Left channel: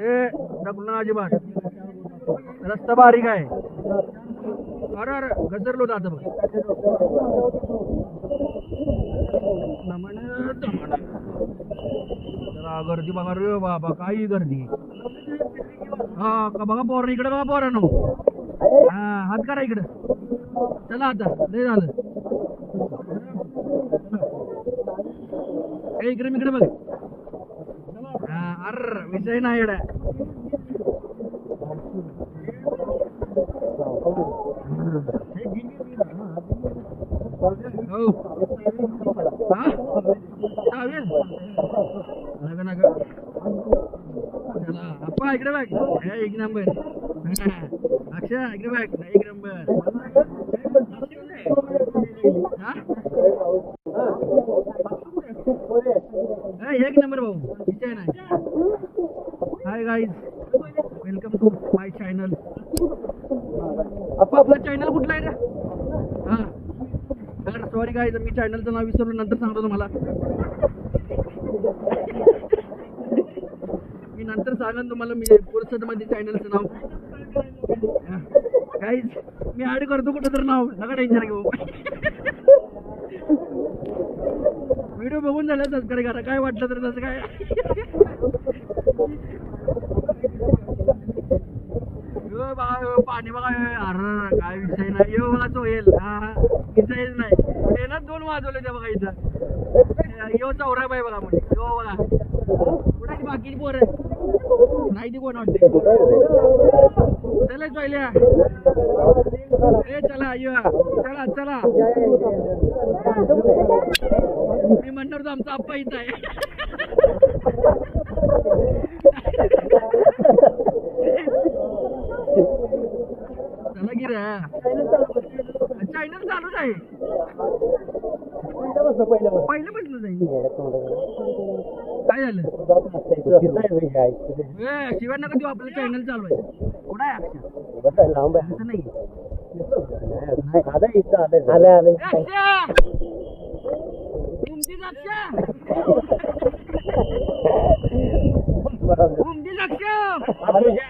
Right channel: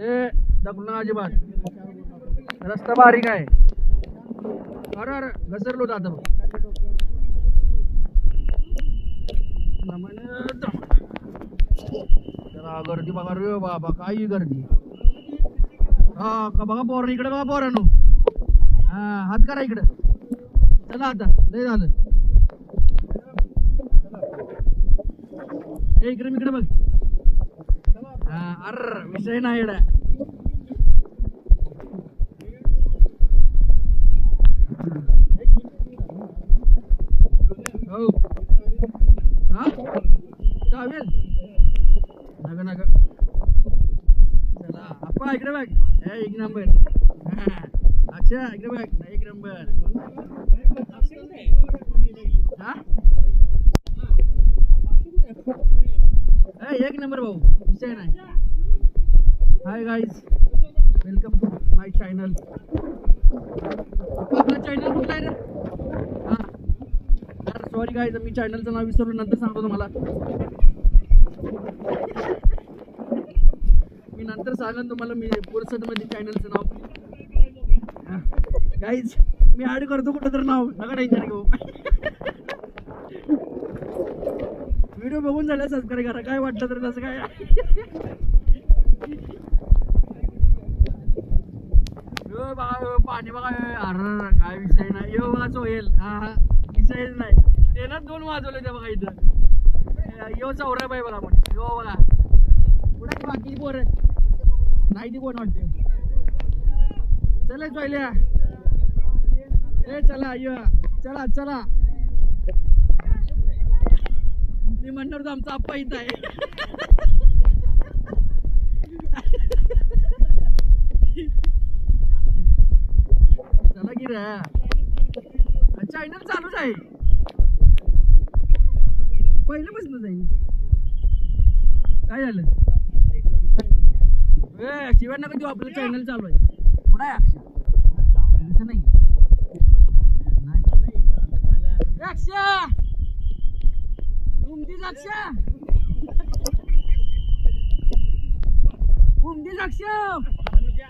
ते ढकलून अजिबात रस्ता बारीक आहे. अरे अरे घसरलो आता बघ. गर्दी बघा रे बाबा, काही गर्दी. हा बघा पोरण इकडे, बघा पोरण. हा हात करा इकडे. चला आता लय झालं. इकडे इकडे बघ. अरे विषय नाही एवढा. हो चालेल. नका नका. चला अप्पा इकडे बघ. एक नंबर. अक्षय इकडे बघ. एक नंबर. एक नंबर भाऊ, विषय नाही. Hi guys, welcome to my channel. आपला चॅनल कुठला आहे रे? हा अरे सॉरी गाईज, मी चॅनलचं नाव विसरलो, नंतर सांगतो तुम्हाला. मी नंतर सांगेन तुम्हाला मी मध्ये चॅनलचं नाव. गाईज मी ऍड करतो कुठं तर नाव, नका टेन्शन घेऊ. व्हिडिओ बघून झालं सबस्क्राईब करा, काय वाटलं तर तसं काय. यो बघा पाणी बघा. अरे काय विषय नाही. यो बघा चोहेल. हा विषय नाही. हे ना 2 वाजवले ते बघा इथं. यो चौरा बाई बघा. म्हणजे यो बघा पुढे बाकी पोर नाही ती कोण वाटते. चला चोयल्या रे, चला यो चला चला. मी म्हणणार तर आमचा आप्पा इथं आहे. चला की रे, चॅनल चालूच आहे पहिल्यापासून जाईल. काय झालं शिवाय नका तू, आपलं चॅनल चालू आहे. कुठं आहे अक्षय? लांब आहे नाही. अक्षय